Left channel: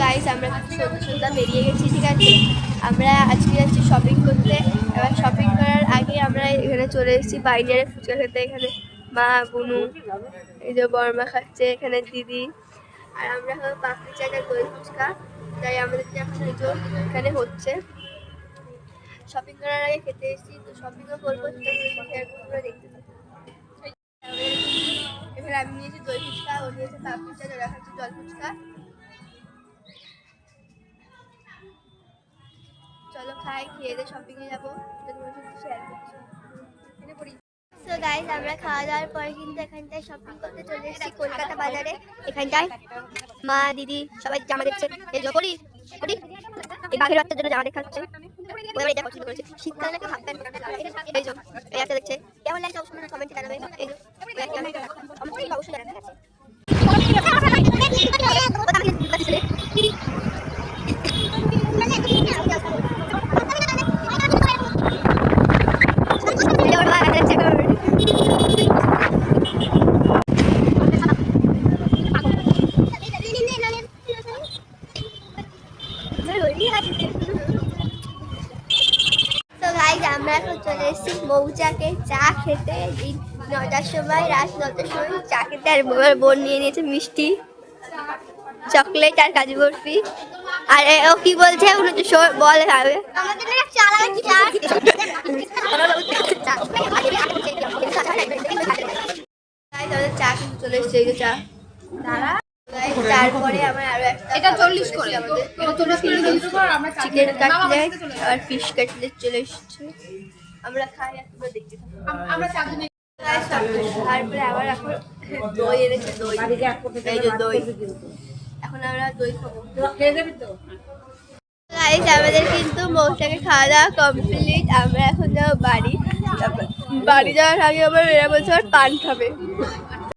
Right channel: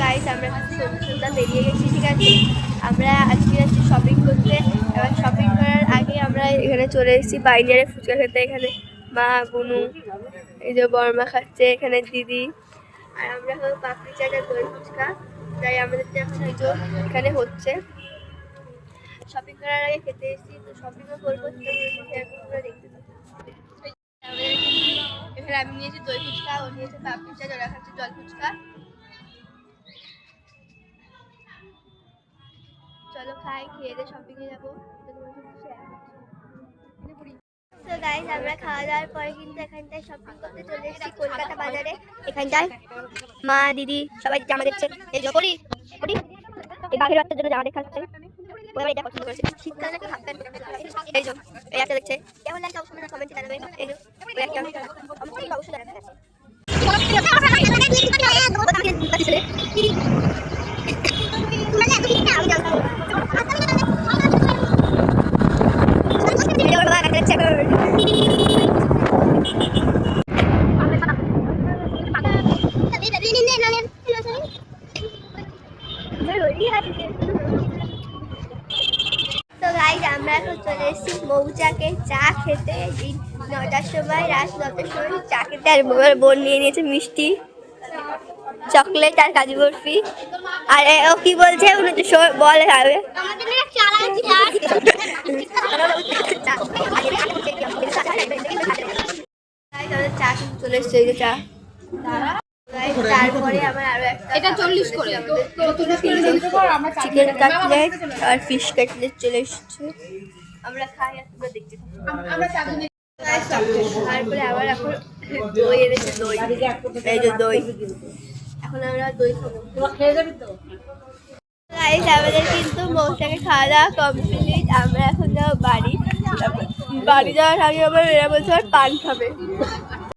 Guys আমরা সন্ধ্যা বেরিয়ে গেছি, ঠিক আছে। আমরা আজকে যাচ্ছি শপিং করতে। শপিং করার আগে আমরা এখানে চলে এসেছি বাইরে ফুচকা খেতে। এখানে মা, বুনু, এই যে বর্মা খাচ্ছে, এখানে দিদি, আর আমরা হলো পাপড়ি চাট আর দই ফুচকা। তাই আমাদের এখন এখানে হচ্ছে শপিং করার আগে খেতে এসেছি, তো শপিংও করবো, দেখতে থাকবো। এখানে আমি নিয়েছি দই ফুচকা, ও নিয়েছে পাপড়ি চাট, ওরা খাচ্ছে জল ফুচকা। চলো খাই, খেয়ে দিয়ে শপিং এ যাবো। তো গাইস আমরা খাওয়া দাওয়ার পরে কিন্তু এখানটায় শপিং করতে চলে এসেছি কলকাতা বাজারে। এখানটায় মা, দিদি সবাই জামা দেখছে। এই যে করি এই বাঘের বাচ্চার জন্য জামা দেখাচ্ছে। ওই এটা পছন্দ করেছে, শীতকালে একটা হাফ প্যান্ট। এই যে এই একটা দেখছে, কেমন লাগছে অবশ্যই কমেন্টে জানাবে। এই যে ওই একটা অবশ্যই জানাবে। তো গাইস আমরা এখন চলে এসেছি মৌচাকে চা খেতে। 9টার সময়, রাত 9টার সময় চা খেতে। আর বোন নিয়ে নিয়েছে মিষ্টি, চকলেট আর কাজু বরফি। আর ও কি বলছে বলে খাবে। চা কিন্তু চলে এসছে, এই যে চা। তারপরে আমার আরো একটা 40 করে চিকেন কাটলেট আর ফিশ কাটলেট চলে এসছে। আমরা খাই আর তোমরা দেখতে থাকো। তারপরে আবার এখন দই এনেছে, দই, এই যে দই। এখন আমরা দই খাবো। আমাদের কিন্তু মৌচাকে খাওয়া দাওয়া কমপ্লিট। আমরা এখন যাবো বাড়ি। বাড়ি যাওয়ার আগে আবার এরা বলছে পান খাবে।